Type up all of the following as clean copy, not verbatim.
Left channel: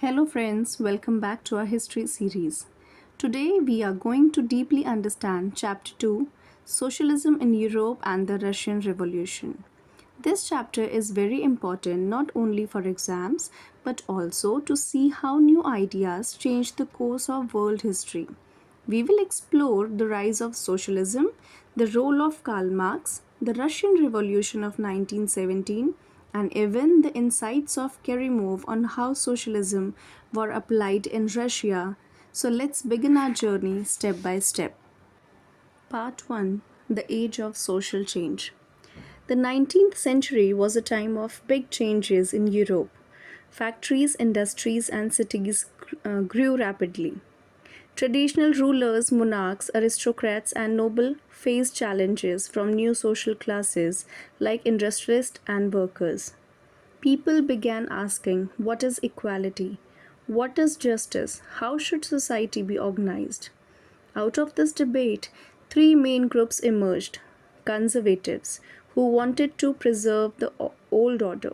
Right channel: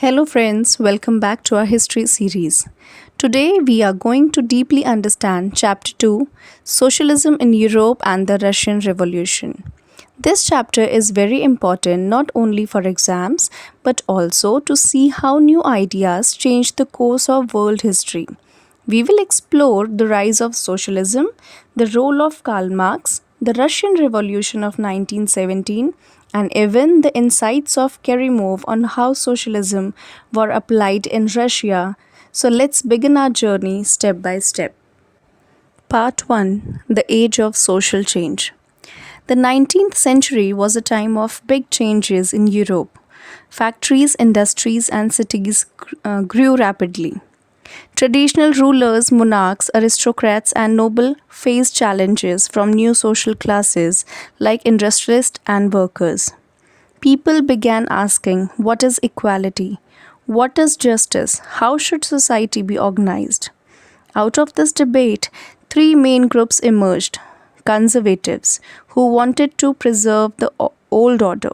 Hello, friends, welcome back to our history series. Today, we are going to deeply understand Chapter 2 Socialism in Europe and the Russian Revolution. This chapter is very important not only for exams but also to see how new ideas change the course of world history. We will explore the rise of socialism, the role of Karl Marx, the Russian Revolution of 1917, and even the insights of Kerimov on how socialism were applied in Russia. So let's begin our journey step by step. Part 1 The Age of Social Change. The 19th century was a time of big changes in Europe. Factories, industries, and cities grew rapidly. Traditional rulers, monarchs, aristocrats, and noble faced challenges from new social classes like industrialists and workers. People began asking, what is equality? What is justice? How should society be organized? Out of this debate, three main groups emerged: conservatives, who wanted to preserve the old order;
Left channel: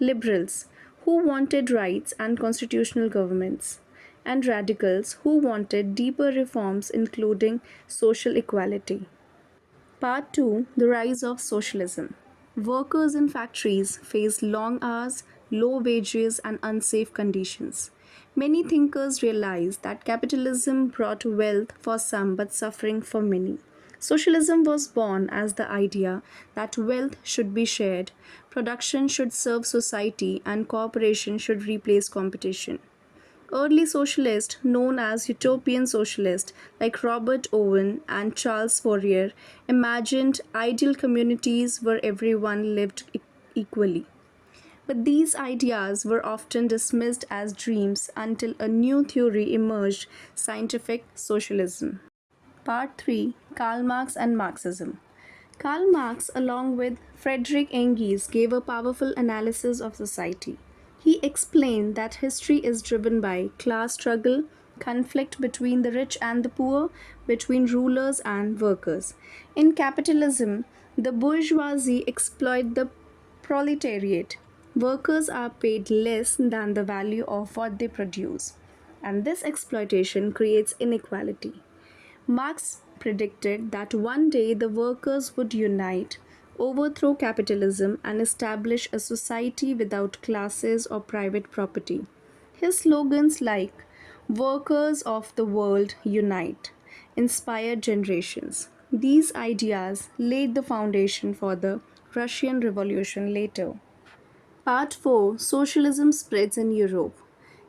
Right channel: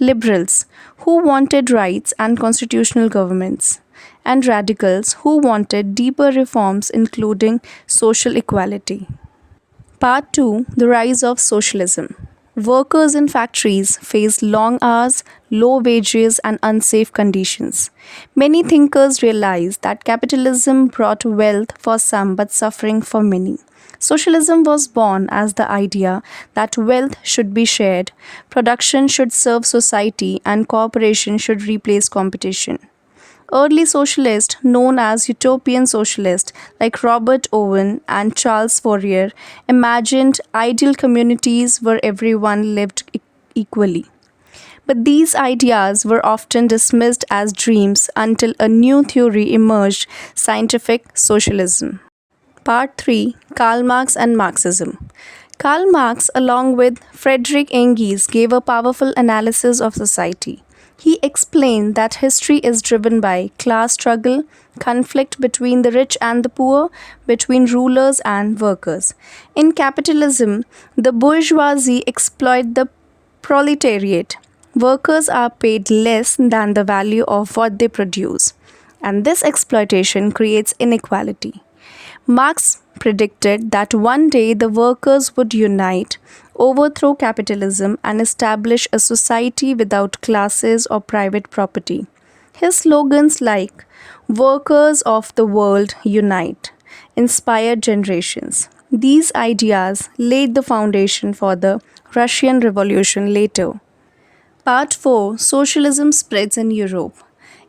liberals, who wanted rights and constitutional governments; and radicals, who wanted deeper reforms including social equality. Part 2 The Rise of Socialism. Workers in factories faced long hours, low wages, and unsafe conditions. Many thinkers realized that capitalism brought wealth for some but suffering for many. Socialism was born as the idea that wealth should be shared, production should serve society, and cooperation should replace competition. Early socialists, known as utopian socialists like Robert Owen and Charles Fourier, imagined ideal communities where everyone lived equally. But these ideas were often dismissed as dreams until a new theory emerged: scientific socialism. Part 3 Karl Marx and Marxism. Karl Marx, along with Friedrich Engels, gave a powerful analysis of society. He explained that history is driven by class struggle, conflict between the rich and the poor, between rulers and workers. In capitalism, the bourgeoisie exploit the proletariat. Workers are paid less than the value of what they produce, and this exploitation creates inequality. Marx predicted that one day the workers would unite, overthrow capitalism, and establish a society without classes or private property. His slogans like "Workers of the world unite" inspired generations. These ideas laid the foundation for the Russian Revolution later. Part 4 Socialism spreads in Europe.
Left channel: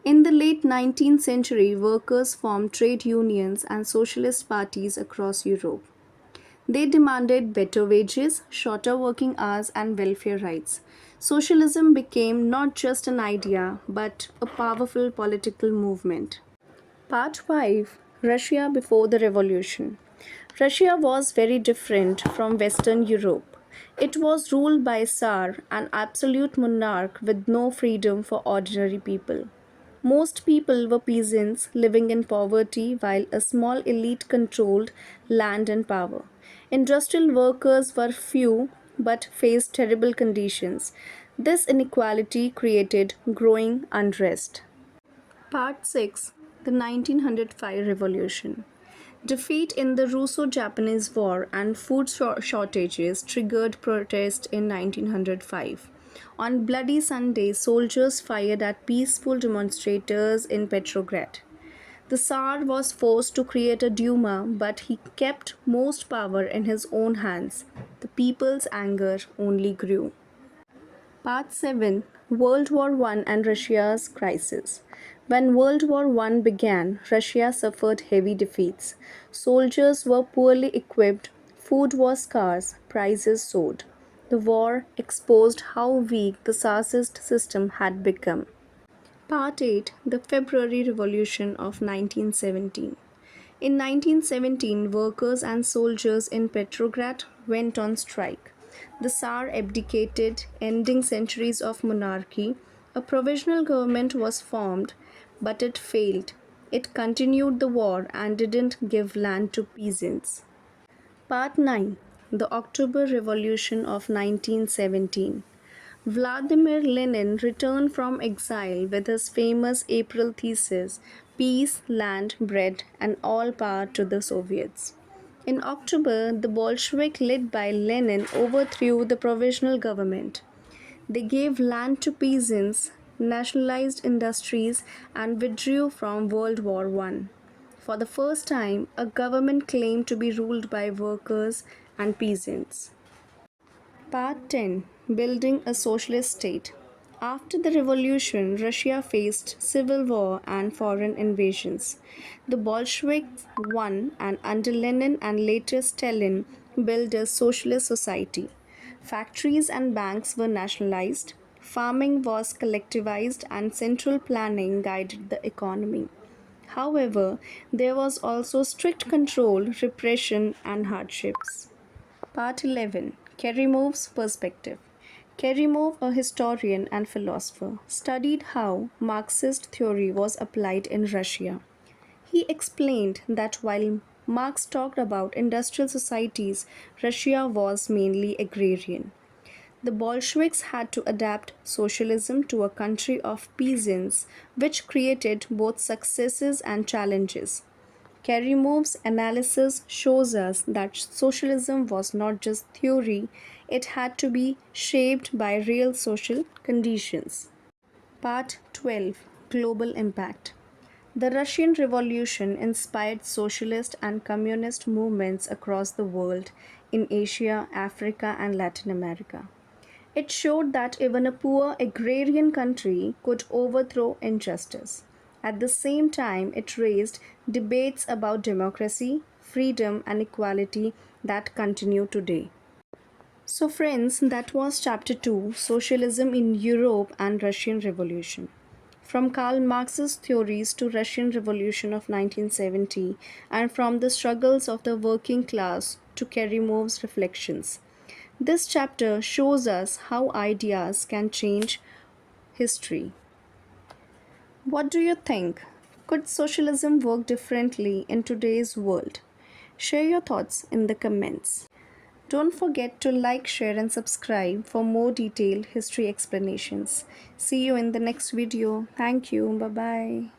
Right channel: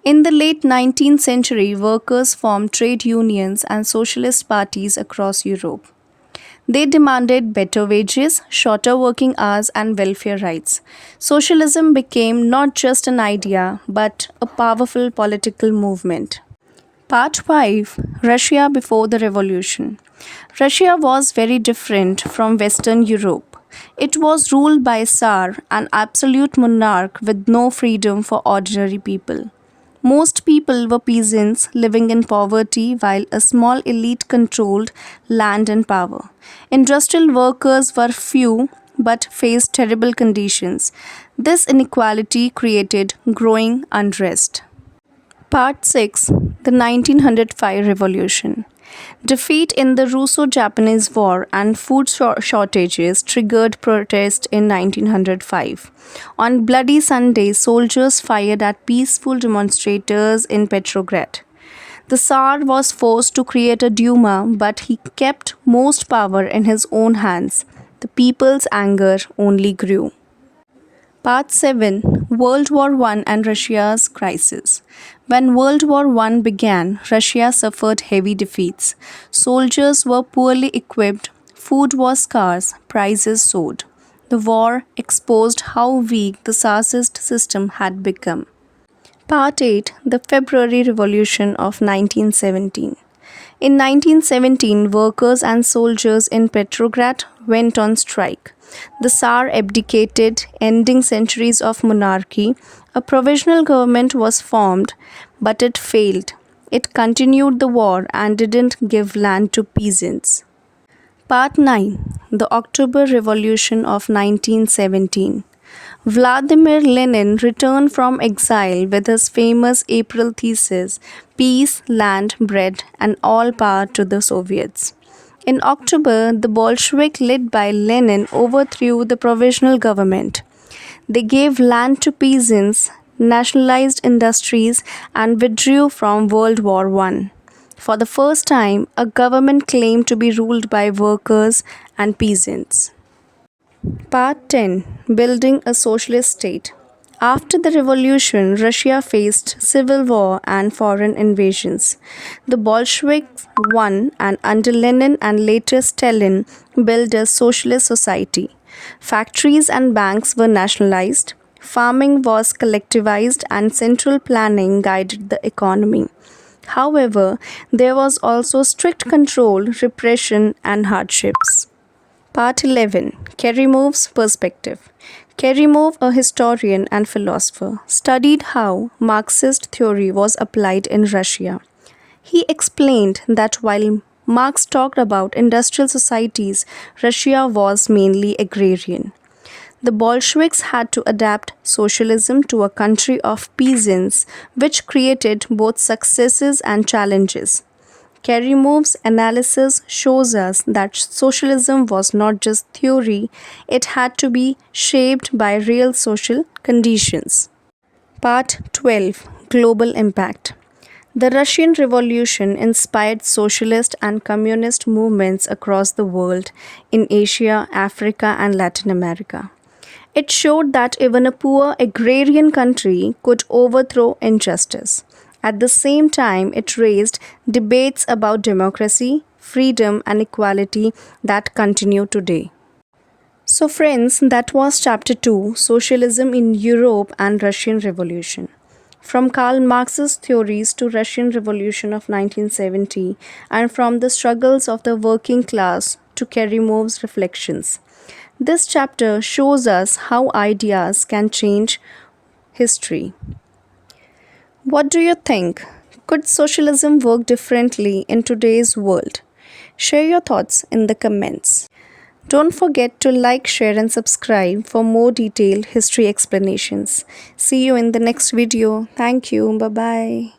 In the late 19th century, workers formed trade unions and socialist parties across Europe. They demanded better wages, shorter working hours, and welfare rights. Socialism became not just an idea, but a powerful political movement. Part 5 Russia before the Revolution. Russia was very different from Western Europe. It was ruled by a Tsar, an absolute monarch with no freedom for ordinary people. Most people were peasants living in poverty while a small elite controlled land and power. Industrial workers were few but faced terrible conditions. This inequality created growing unrest. Part 6 The 1905 Revolution. Defeat in the Russo-Japanese War and food shortages triggered protest in 1905. On Bloody Sunday, soldiers fired at peaceful demonstrators in Petrograd. The Tsar was forced to create a Duma, but he kept most power in his own hands. The people's anger only grew. Part 7 World War I and Russia's Crisis. When World War I began, Russia suffered heavy defeats. Soldiers were poorly equipped, food was scarce, prices soared. The war exposed how weak the Tsarist system had become. Part 8 The February Revolution of 1917. In 1917, workers and soldiers in Petrograd went on strike. The Tsar abdicated, ending centuries of monarchy. A provisional government was formed, but it failed. It continued the war and didn't give land to peasants. Part 9 The October Revolution of 1917. Vladimir Lenin returned from exile with his famous April thesis Peace, Land, Bread, and All Power to the Soviets. In October, the Bolshevik led by Lenin overthrew the provisional government. They gave land to peasants, nationalized industries, and withdrew from World War I. For the first time, a government claimed to be ruled by workers and peasants. Part 10, Building a Socialist State. After the revolution, Russia faced civil war and foreign invasions. The Bolsheviks won, and under Lenin and later Stalin built a socialist society. Factories and banks were nationalized, farming was collectivized, and central planning guided the economy. However, there was also strict control, repression, and hardships. Part 11, Kerimov's Perspective. Kerimov, a historian and philosopher, studied how Marxist theory was applied in Russia. He explained that while Marx talked about industrial societies, Russia was mainly agrarian. The Bolsheviks had to adapt socialism to a country of peasants, which created both successes and challenges. Kerimov's analysis shows us that socialism was not just theory, it had to be shaped by real social conditions. Part 12, Global Impact. The Russian Revolution inspired socialist and communist movements across the world in Asia, Africa, and Latin America. It showed that even a poor agrarian country could overthrow injustice. At the same time, it raised debates about democracy, freedom, and equality that continue today. So, friends, that was chapter 2, Socialism in Europe and Russian Revolution. From Karl Marx's theories to Russian Revolution of 1970, and from the struggles of the working class to Kerimov's reflections. This chapter shows us how ideas can change history. What do you think? Could socialism work differently in today's world? Share your thoughts in the comments. Don't forget to like, share, and subscribe for more detailed history explanations. See you in the next video. Thank you. Bye bye.